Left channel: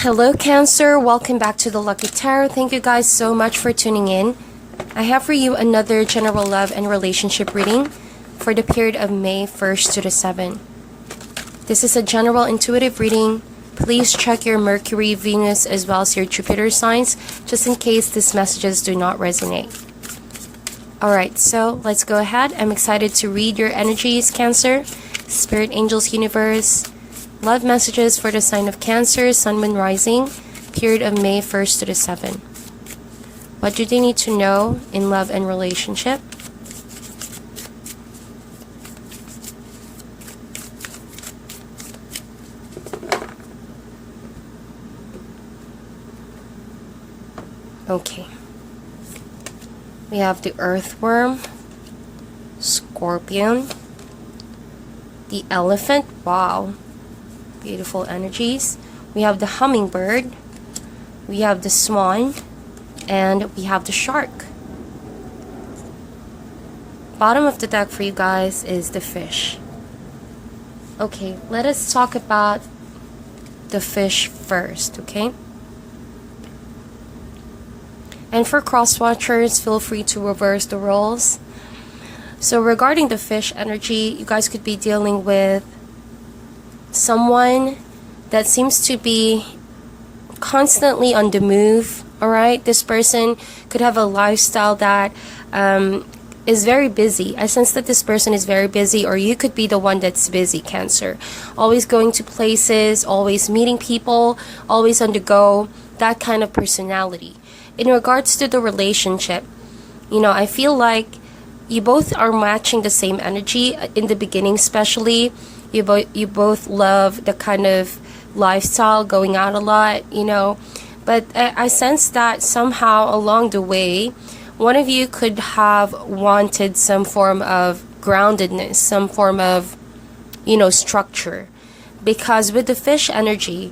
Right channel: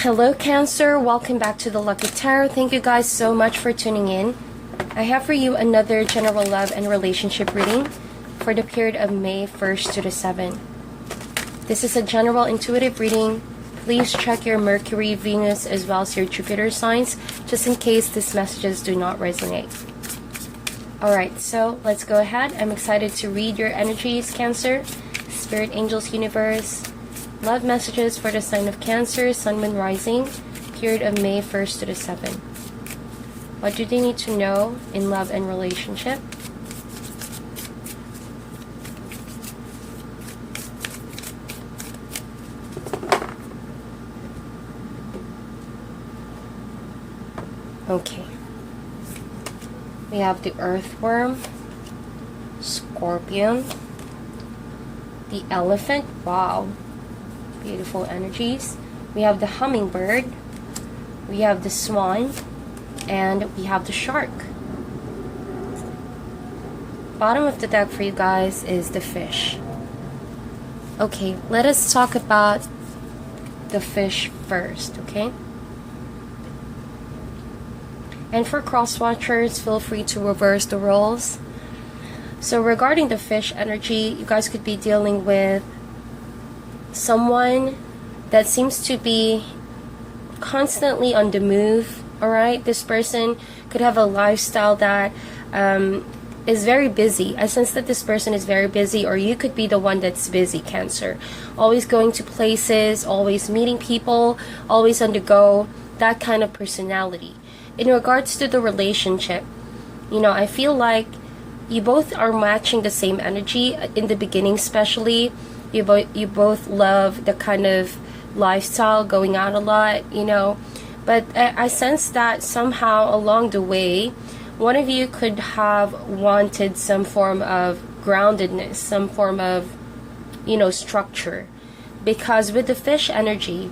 Hello Cancer, welcome back to the Lucky Tarot. Thank you guys so much for tuning in. I have for you another general love and relationship reading for the period of May 1st to the 7th. This is a general intuitive reading. Please check your Mercury, Venus, as well as your Jupiter signs, just in case these messages do not resonate. Alright, so let's go ahead. I'm excited to read your energies, Cancer. Spirit, angels, universe. Love messages for the sign of Cancer, Sun, Moon, Rising, period of May 1st to the 7th. What do they need to know in love and relationship? Okay. We have the Earthworm, Scorpion, the Elephant. Wow. Beautiful energies. We have the Hummingbird, we have the Swan, and we have the Shark. Bottom of the deck for you guys is the Fish. Okay, let us talk about the Fish first, okay? And for cross watchers, feel free to reverse the roles. So regarding the Fish energy, you guys could be dealing with someone that seems to be constantly on the move. All right, this person could have a lifestyle that is very busy. I sense that this person is very busy, or you could be the one that's busy, Cancer. Always going to places, always meeting people, always on the go, that kind of personality. In regards to the relationship, you know, I feel like you both are matching the same energy in the beginning, especially. You both love the kind of lifestyle, going out a lot, you know. But I sense that somehow along the way, one of you could have wanted some form of groundedness, some form of, you know, structure. Because with the Fish energy,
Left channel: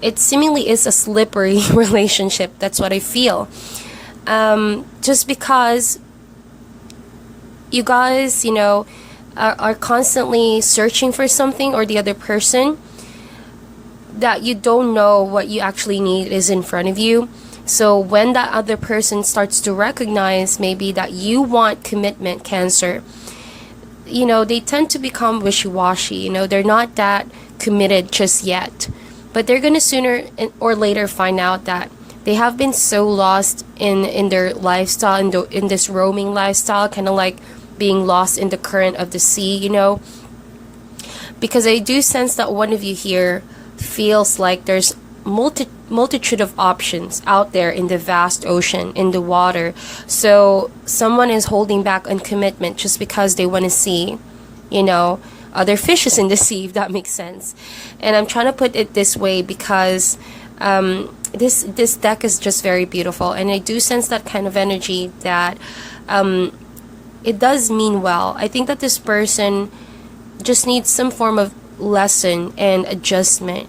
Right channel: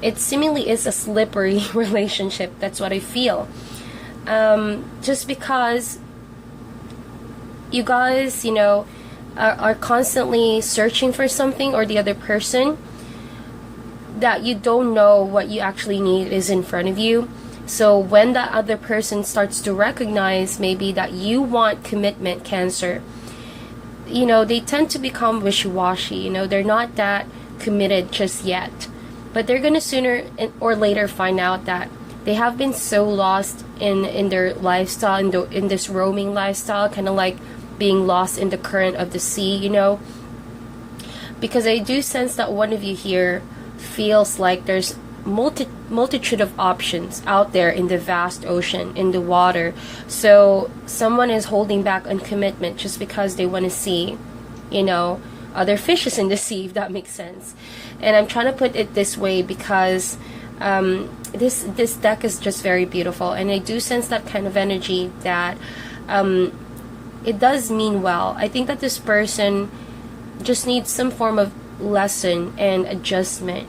it seemingly is a slippery relationship. That's what I feel. Just because you guys, you know, are constantly searching for something or the other person, that you don't know what you actually need is in front of you. So when that other person starts to recognize maybe that you want commitment, Cancer, you know, they tend to become wishy-washy. You know, they're not that committed just yet, but they're gonna sooner or later find out that they have been so lost in their lifestyle, in this roaming lifestyle, kind of like being lost in the current of the sea, you know. Because I do sense that one of you here feels like there's multitude of options out there in the vast ocean, in the water. So someone is holding back on commitment just because they want to see, you know, other fishes in the sea, if that makes sense. And I'm trying to put it this way because this deck is just very beautiful, and I do sense that kind of energy that it does mean well. I think that this person just needs some form of lesson and adjustment.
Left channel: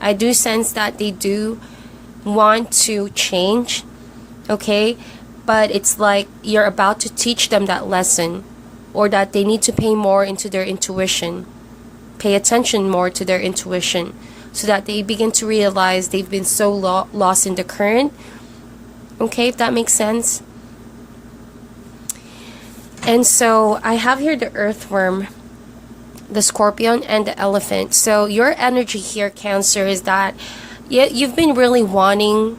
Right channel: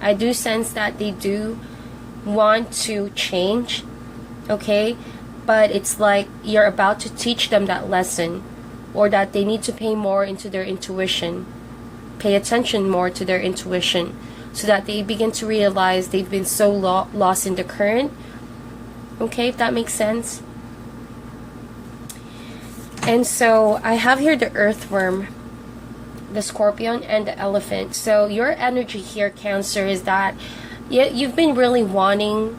I do sense that they do want to change, okay? But it's like you're about to teach them that lesson, or that they need to pay more into their intuition, pay attention more to their intuition, so that they begin to realize they've been so lost in the current, okay, if that makes sense. And so I have here the Earthworm, the Scorpion, and the Elephant. So your energy here, Cancer, is that you've been really wanting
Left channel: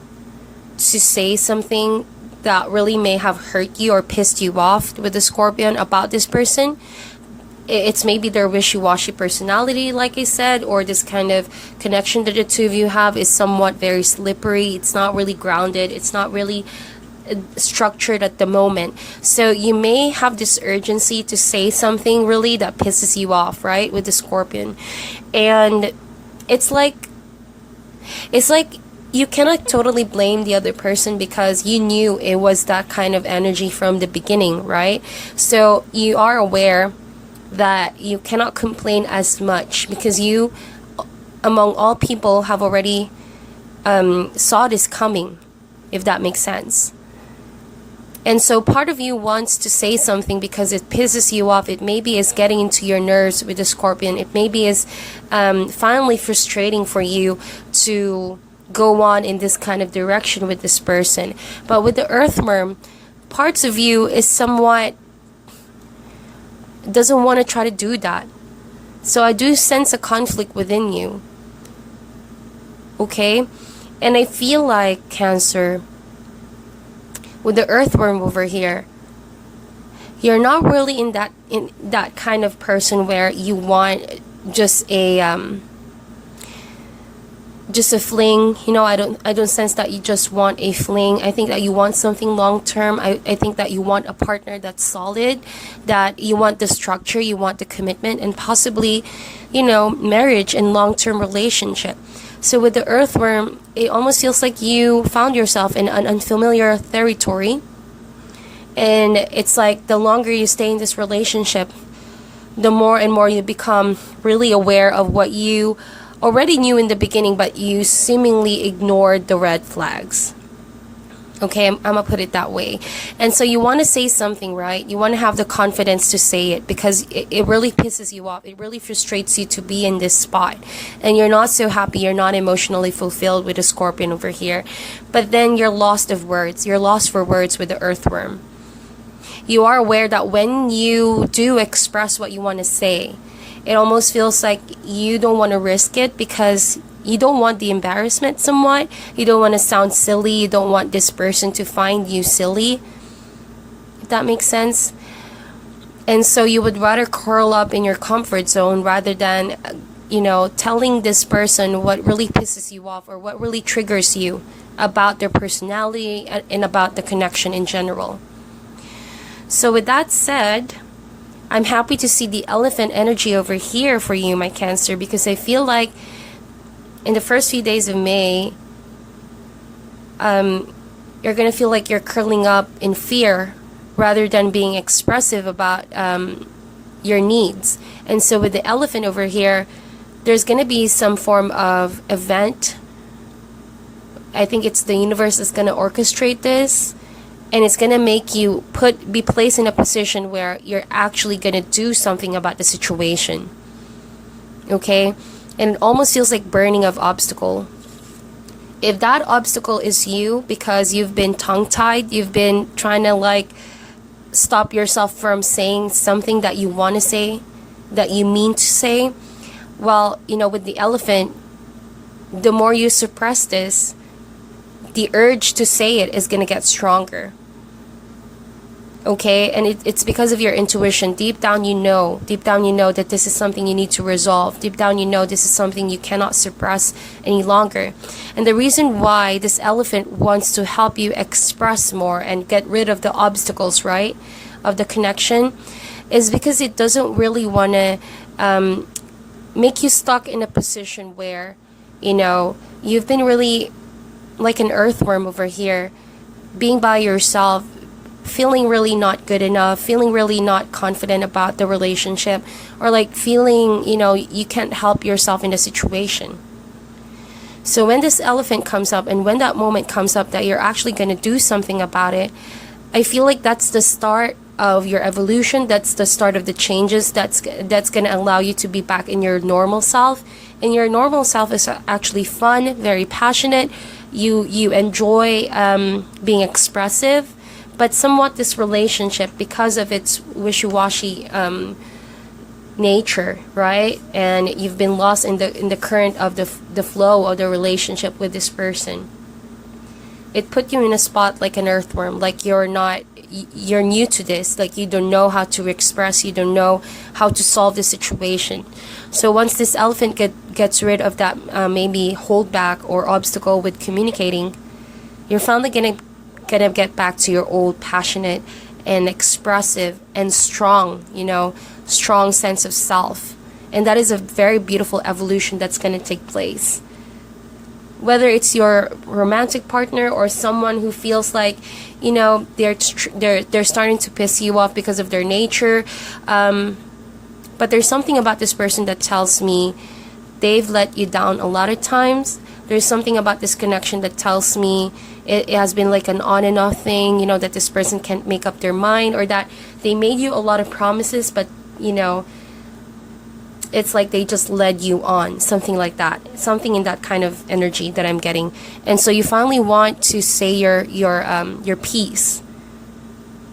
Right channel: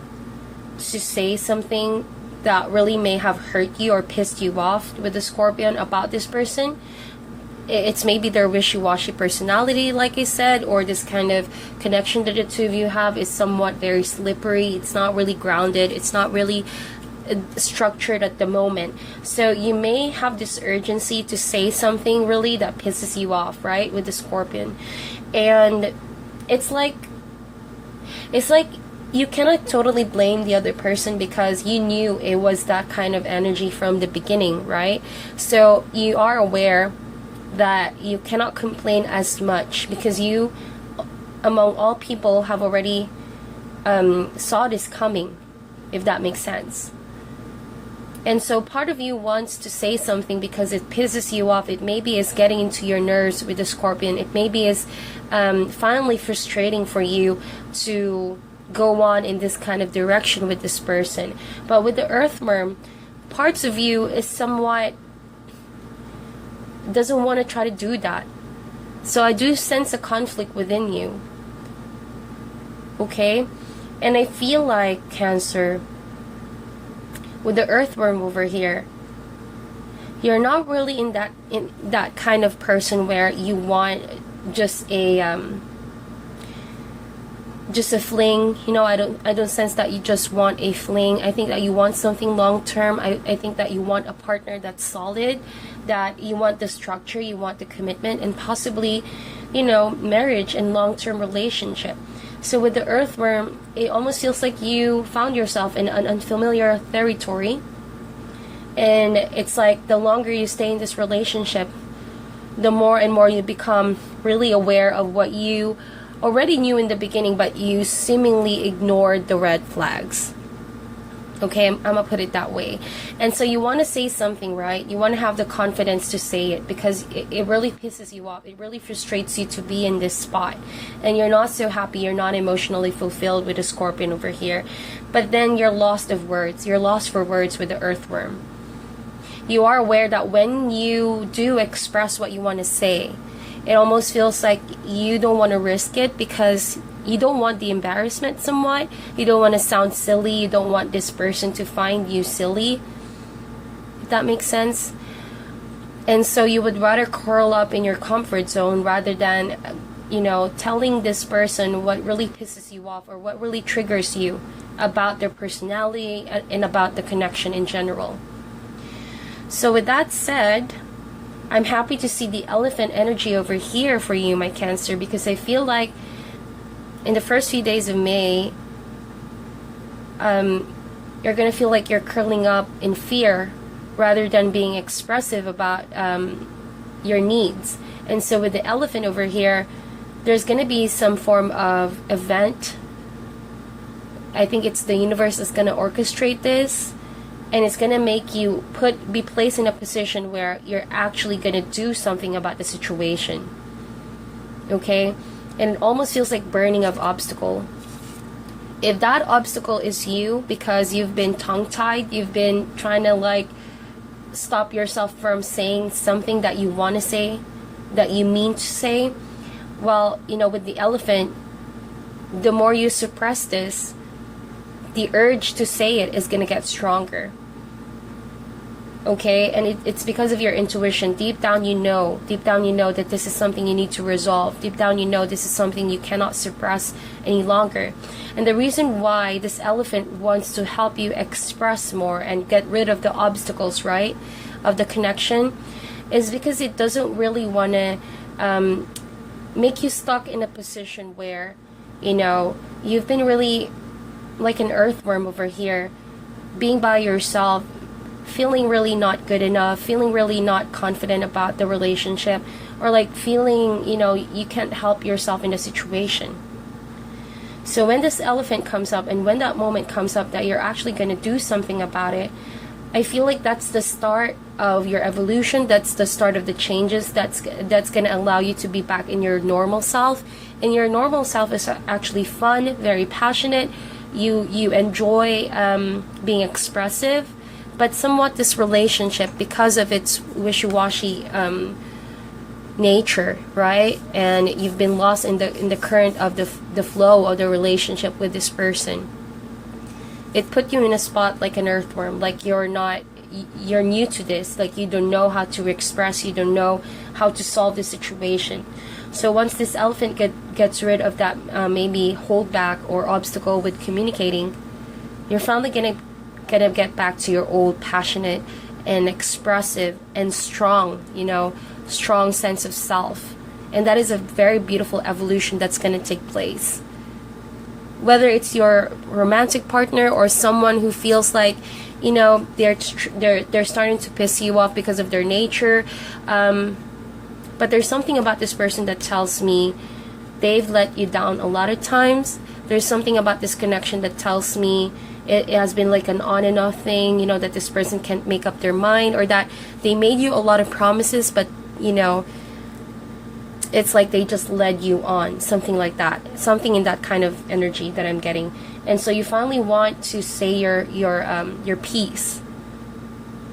to say something that really may have hurt you or pissed you off with the Scorpion about this person. It's maybe their wishy-washy personality, like I said, or this kind of connection that the two of you have is somewhat very slippery. It's not really grounded. It's not really structured at the moment. So you may have this urgency to say something really that pisses you off, right, with the Scorpion. And it's like you cannot totally blame the other person because you knew it was that kind of energy from the beginning, right? So you are aware that you cannot complain as much because you, among all people, have already saw this coming, if that makes sense. And so part of you wants to say something because it pisses you off. It maybe is getting into your nerves with the Scorpion. It maybe is finally frustrating for you to go on in this kind of direction with this person. But with the Earthworm, parts of you is somewhat doesn't want to try to do that. So I do sense a conflict within you. Okay? And I feel like, Cancer, with the Earthworm over here, you're not really in that kind of person where you want just a fling. You know, I don't sense that you just want a fling. I think that you want something long term. I think that you want a partner that's solid, that you want the structure, you want the commitment, and possibly, you know, marriage and long-term relationship. So with the Earthworm, it almost feels like you found yourself in an unfamiliar territory. And it's like the longer you stay in this relationship, the more and more you become really aware of what you already knew in the beginning, but you seemingly ignored the red flags. Okay, I'm gonna put it that way. And so you want to say something, right? You want to have the confidence to say it because it really pisses you off. It really frustrates you to be in this spot. And you're not so happy. You're not emotionally fulfilled with the Scorpion over here. But then you're lost of words. You're lost for words with the Earthworm. You are aware that when you do express what you want to say, it almost feels like you don't want to risk it because you don't want the embarrassment somewhat. You don't want to sound silly. You don't want this person to find you silly. If that makes sense. And so you would rather curl up in your comfort zone rather than, you know, telling this person what really pisses you off or what really triggers you about their personality and about the connection in general. So with that said, I'm happy to see the Elephant energy over here for you, my Cancer, because I feel like in the first few days of May, you're going to feel like you're curling up in fear rather than being expressive about your needs. And so with the Elephant over here, there's going to be some form of event. I think it's the universe that's going to orchestrate this. And it's going to make you be placed in a position where you're actually going to do something about the situation. Okay? And it almost feels like burning of obstacle. If that obstacle is you because you've been tongue-tied, you've been trying to like stop yourself from saying something that you want to say, that you mean to say, well, you know, with the Elephant, the more you suppress this, the urge to say it is going to get stronger. Okay, and it's because of your intuition. Deep down you know that this is something you need to resolve. Deep down you know this is something you cannot suppress any longer. And the reason why this Elephant wants to help you express more and get rid of the obstacles, right, of the connection, is because it doesn't really want to make you stuck in a position where, you know, you've been really like an Earthworm over here, being by yourself, feeling really not good enough, feeling really not confident about the relationship, or like feeling, you know, you can't help yourself in the situation. So when this Elephant comes up and when that moment comes up that you're actually going to do something about it, I feel like that's the start of your evolution. That's the start of the changes that's going to allow you to be back in your normal self. And your normal self is actually fun, very passionate. You enjoy being expressive. But somewhat this relationship, because of its wishy-washy nature, right? And you've been lost in the current of the flow of the relationship with this person. It put you in a spot like an Earthworm, like you're new to this, like you don't know how to express, you don't know how to solve the situation. So once this Elephant gets rid of that maybe holdback or obstacle with communicating, you're finally gonna get back to your old passionate and expressive and strong, you know, strong sense of self. And that is a very beautiful evolution that's going to take place. Whether it's your romantic partner or someone who feels like, you know, they're starting to piss you off because of their nature, but there's something about this person that tells me they've let you down a lot of times. There's something about this connection that tells me it has been like an on and off thing, you know, that this person can't make up their mind, or that they made you a lot of promises, but, you know, it's like they just led you on, something like that, something in that kind of energy that I'm getting. And so you finally want to say your piece.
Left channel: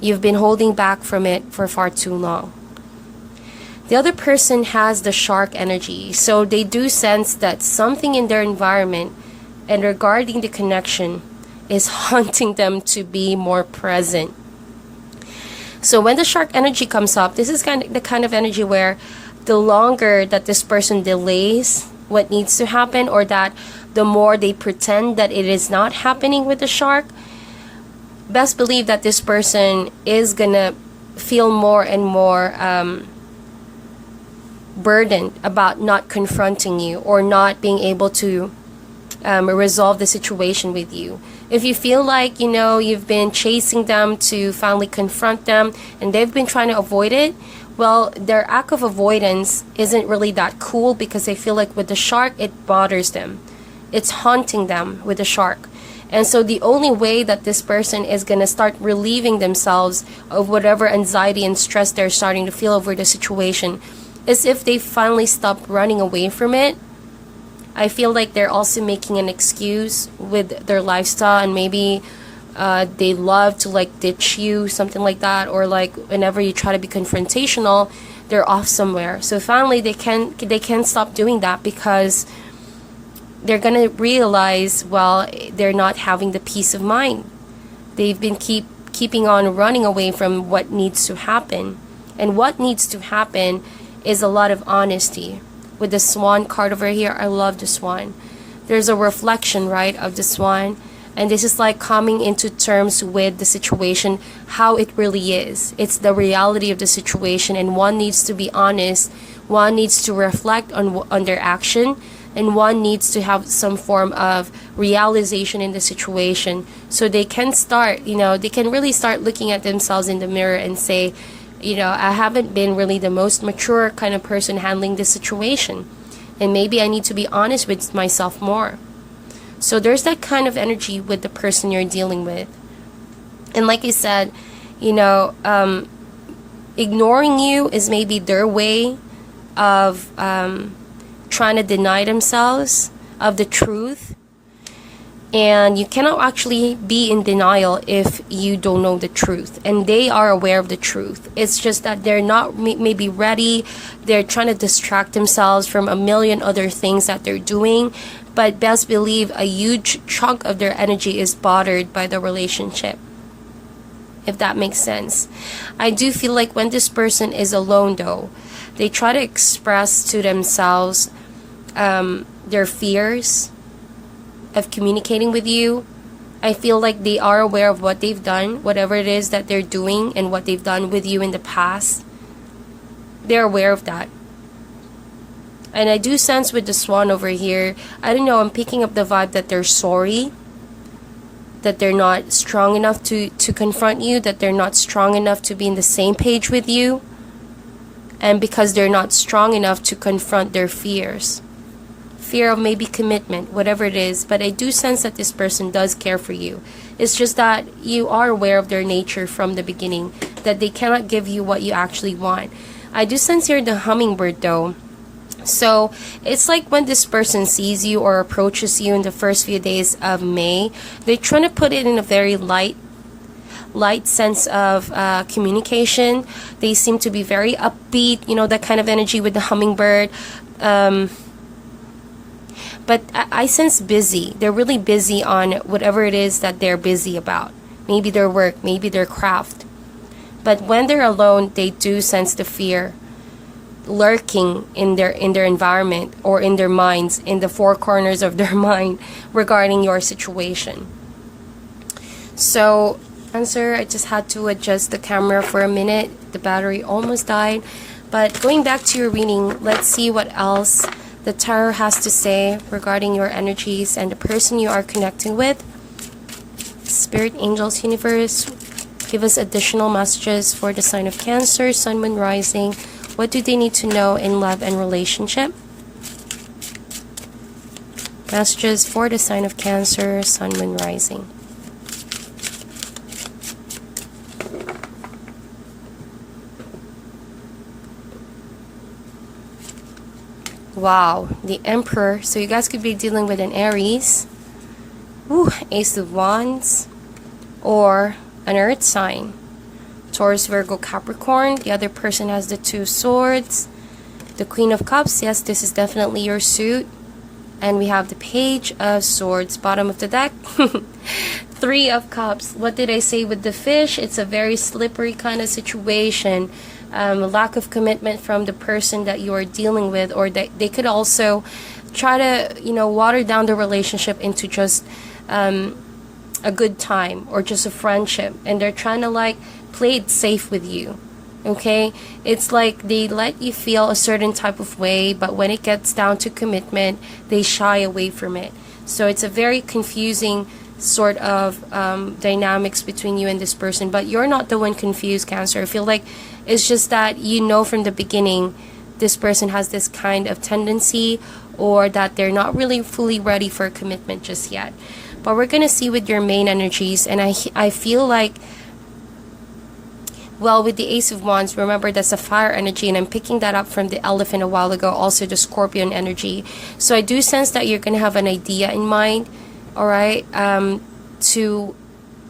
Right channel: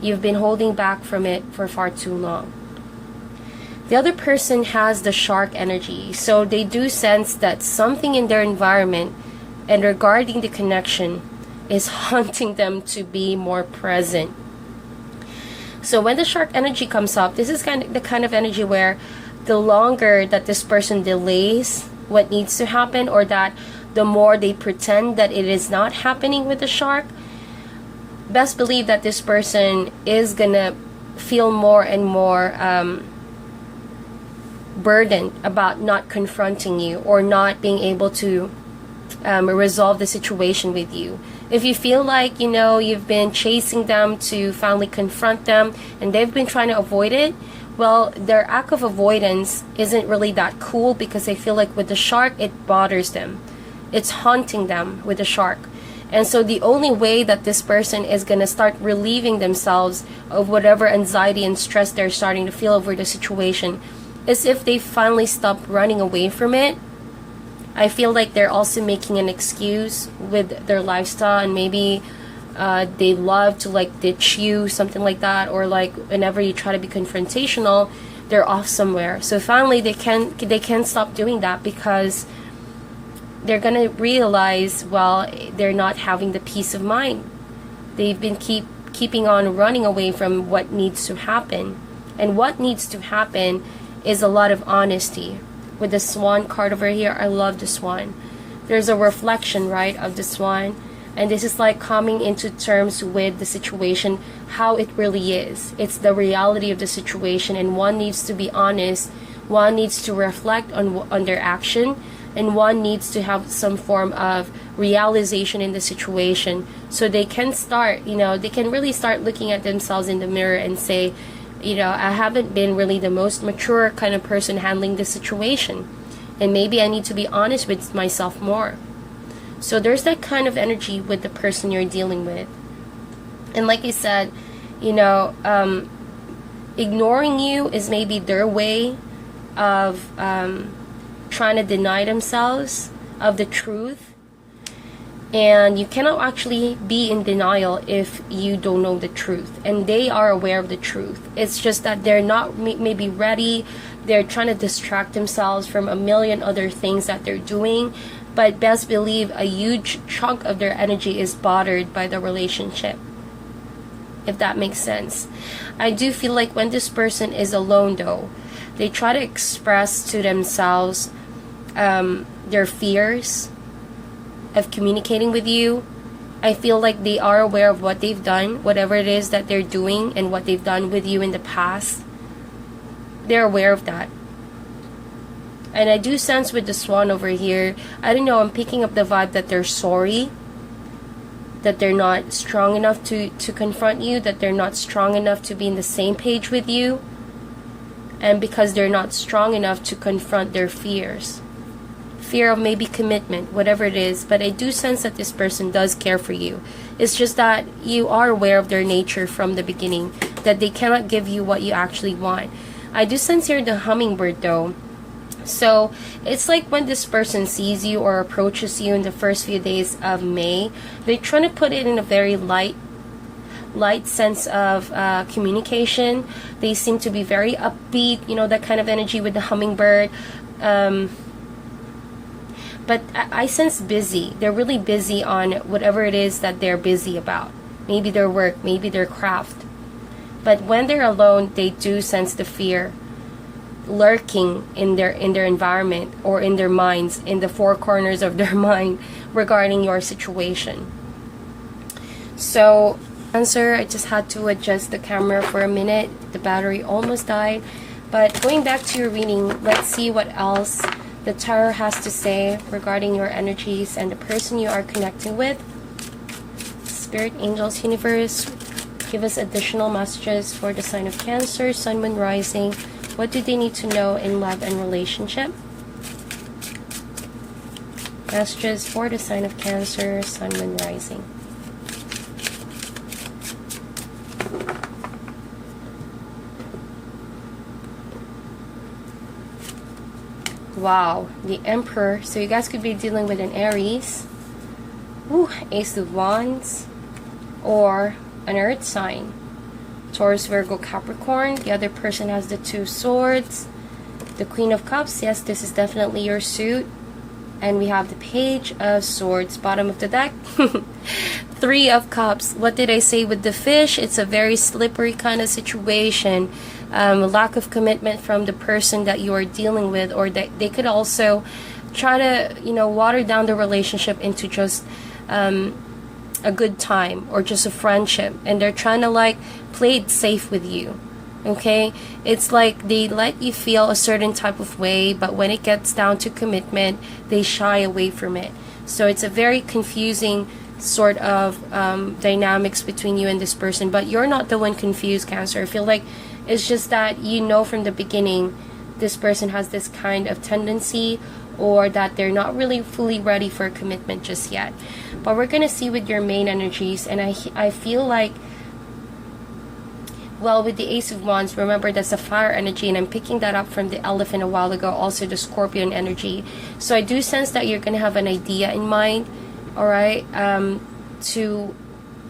You've been holding back from it for far too long. The other person has the shark energy, so they do sense that something in their environment and regarding the connection is haunting them to be more present. So when the shark energy comes up, this is the kind of energy where the longer that this person delays what needs to happen, or that the more they pretend that it is not happening with the shark, best believe that this person is gonna feel more and more burdened about not confronting you, or not being able to resolve the situation with you. If you feel like, you know, you've been chasing them to finally confront them and they've been trying to avoid it, well, their act of avoidance isn't really that cool, because they feel like with the shark, it bothers them. It's haunting them with the shark. And so the only way that this person is going to start relieving themselves of whatever anxiety and stress they're starting to feel over the situation is if they finally stop running away from it. I feel like they're also making an excuse with their lifestyle, and maybe they love to like ditch you, something like that, or like whenever you try to be confrontational, they're off somewhere. So finally they can't stop doing that, because they're gonna realize, well, they're not having the peace of mind. They've been keeping on running away from what needs to happen, and what needs to happen is a lot of honesty. With the swan card over here, I love the swan. There's a reflection, right, of the swan. And this is like coming into terms with the situation, how it really is. It's the reality of the situation, and one needs to be honest. One needs to reflect on their action, and one needs to have some form of realization in the situation, so they can start, you know, they can really start looking at themselves in the mirror and say, you know, I haven't been really the most mature kind of person handling this situation, and maybe I need to be honest with myself more. So there's that kind of energy with the person you're dealing with. And like I said, you know, ignoring you is maybe their way of trying to deny themselves of the truth. And you cannot actually be in denial if you don't know the truth. And they are aware of the truth. It's just that they're not maybe ready. They're trying to distract themselves from a million other things that they're doing. But best believe a huge chunk of their energy is bothered by the relationship, if that makes sense. I do feel like when this person is alone, though, they try to express to themselves their fears of communicating with you. I feel like they are aware of what they've done, whatever it is that they're doing, and what they've done with you in the past. They're aware of that. And I do sense with the swan over here, I don't know, I'm picking up the vibe that they're sorry, that they're not strong enough to confront you, that they're not strong enough to be in the same page with you, and because they're not strong enough to confront their fears. Fear of maybe commitment, whatever it is. But I do sense that this person does care for you. It's just that you are aware of their nature from the beginning, that they cannot give you what you actually want. I do sense here the hummingbird, though. So it's like when this person sees you or approaches you in the first few days of May, they're trying to put it in a very light sense of communication. They seem to be very upbeat, you know, that kind of energy with the hummingbird. But I sense busy. They're really busy on whatever it is that they're busy about. Maybe their work, maybe their craft. But when they're alone, they do sense the fear lurking in their environment, or in their minds, in the four corners of their mind regarding your situation. So, Cancer, I just had to adjust the camera for a minute. The battery almost died. But going back to your reading, let's see what else the tarot has to say regarding your energies and the person you are connecting with. Spirit, angels, universe, give us additional messages for the sign of Cancer, Sun, Moon, Rising. What do they need to know in love and relationship? Messages for the sign of Cancer, Sun, Moon, Rising. Wow, the Emperor. So you guys could be dealing with an Aries, Ace of Wands, or an Earth sign. Taurus, Virgo, Capricorn. The other person has the Two Swords. The Queen of Cups. Yes, this is definitely your suit. And we have the Page of Swords. Bottom of the deck. Three of Cups. What did I say with the fish? It's a very slippery kind of situation. Lack of commitment from the person that you are dealing with, or that they could also try to, water down the relationship into just a good time or just a friendship, and they're trying to like play it safe with you. Okay, it's like they let you feel a certain type of way, but when it gets down to commitment, they shy away from it. So it's a very confusing sort of dynamics between you and this person, but you're not the one confused, Cancer. I feel like it's just that from the beginning this person has this kind of tendency, or that they're not really fully ready for a commitment just yet. But we're gonna see with your main energies, and I feel like, well, with the Ace of Wands, remember that's a fire energy, and I'm picking that up from the Elephant a while ago, also the Scorpion energy. So I do sense that you're going to have an idea in mind, all right, to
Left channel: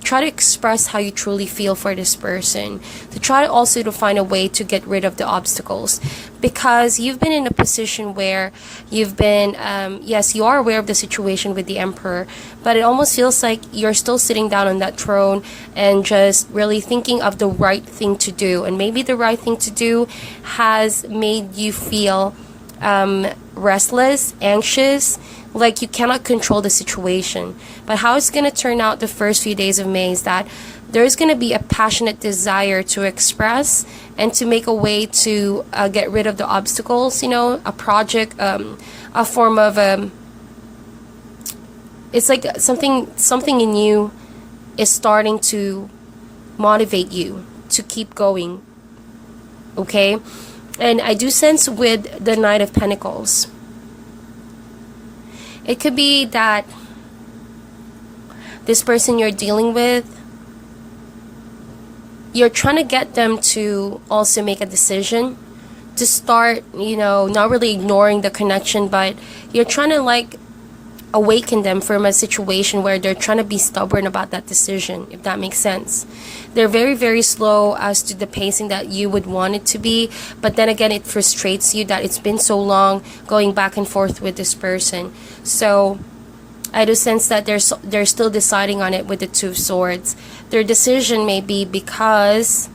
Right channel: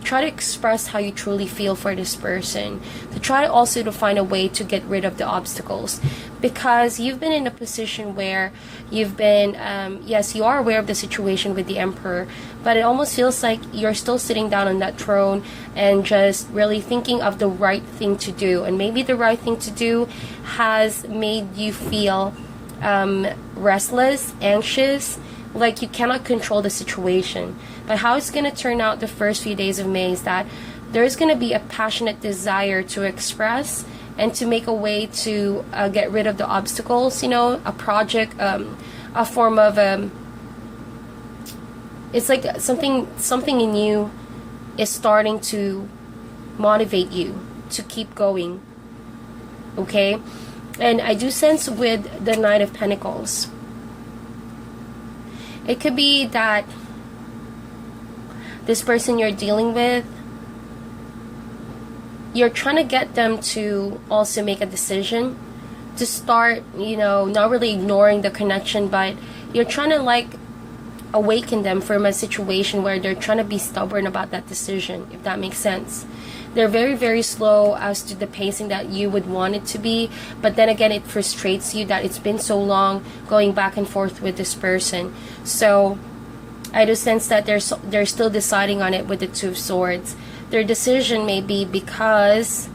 try to express how you truly feel for this person, to try also to find a way to get rid of the obstacles, because you've been in a position where you've been, yes, you are aware of the situation with the Emperor, but it almost feels like you're still sitting down on that throne and just really thinking of the right thing to do, and maybe the right thing to do has made you feel restless, anxious, like you cannot control the situation. But how it's going to turn out the first few days of May is that there's going to be a passionate desire to express and to make a way to get rid of the obstacles, a project, a form of it's like something in you is starting to motivate you to keep going. Okay, and I do sense with the Knight of Pentacles, it could be that this person you're dealing with, you're trying to get them to also make a decision to start, not really ignoring the connection, but you're trying to like awaken them from a situation where they're trying to be stubborn about that decision, if that makes sense. They're very, very slow as to the pacing that you would want it to be, but then again, it frustrates you that it's been so long going back and forth with this person. So I do sense that they're still deciding on it with the Two Swords. Their decision may be because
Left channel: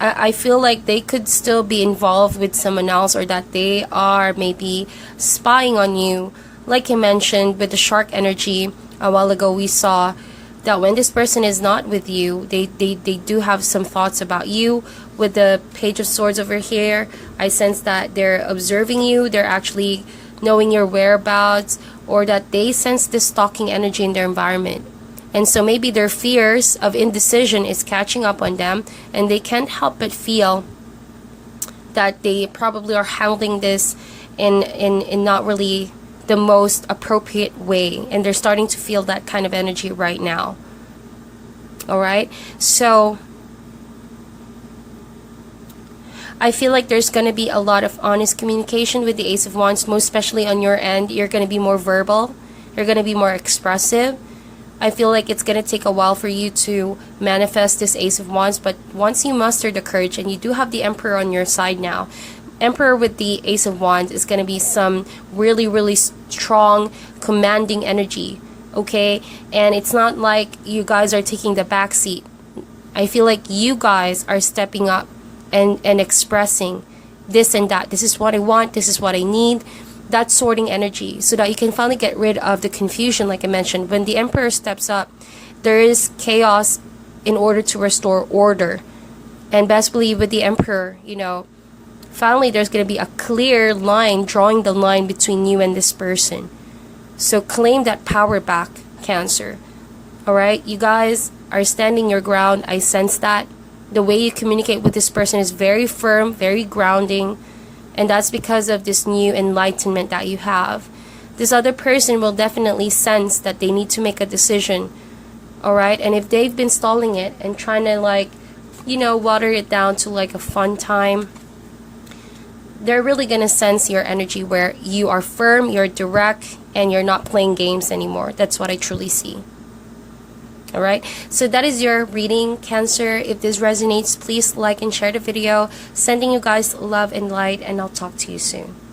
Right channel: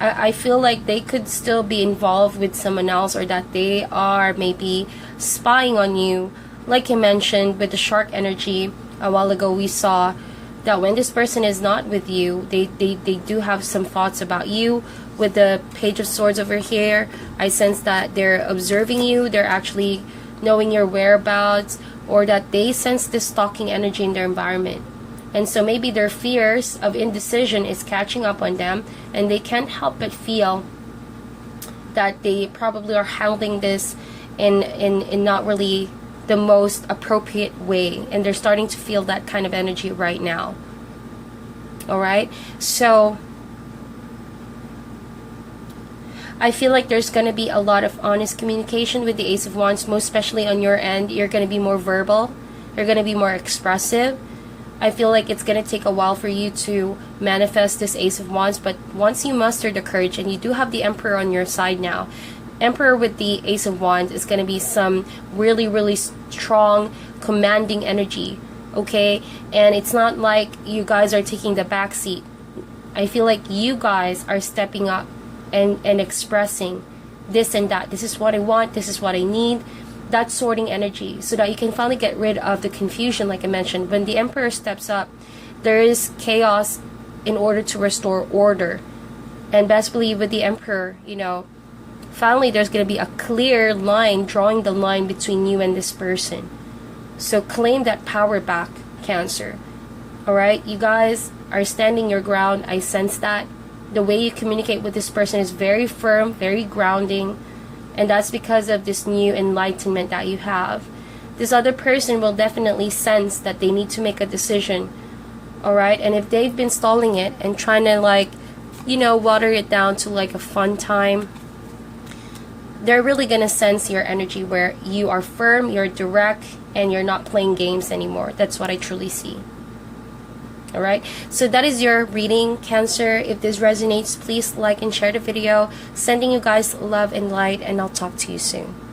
I feel like they could still be involved with someone else, or that they are maybe spying on you. Like I mentioned with the Shark energy a while ago, we saw that when this person is not with you, they do have some thoughts about you. With the Page of Swords over here, I sense that they're observing you, they're actually knowing your whereabouts, or that they sense this stalking energy in their environment. And so maybe their fears of indecision is catching up on them, and they can't help but feel that they probably are handling this in not really the most appropriate way, and they're starting to feel that kind of energy right now. All right, so I feel like there's going to be a lot of honest communication with the Ace of Wands, most especially on your end. You're going to be more verbal, you're going to be more expressive. I feel like it's going to take a while for you to manifest this Ace of Wands, but once you muster the courage, and you do have the Emperor on your side now, Emperor with the Ace of Wands is going to be some really, really strong, commanding energy, okay? And it's not like you guys are taking the back seat. I feel like you guys are stepping up and expressing this and that. This is what I want, this is what I need. That sorting energy, so that you can finally get rid of the confusion. Like I mentioned, when the Emperor steps up, there is chaos in order to restore order. And best believe with the Emperor, finally there's going to be a clear line drawing the line between you and this person. So claim that power back, Cancer. Alright, you guys are standing your ground. I sense that. The way you communicate with this person is very firm, very grounding, and that's because of this new enlightenment that you have. This other person will definitely sense that they need to make a decision. Alright, and if they've been stalling it and trying to water it down to like a fun time, they're really going to sense your energy where you are firm, you're direct, and you're not playing games anymore. That's what I truly see. Alright, so that is your reading, Cancer. If this resonates, please like and share the video. Sending you guys love and light, and I'll talk to you soon.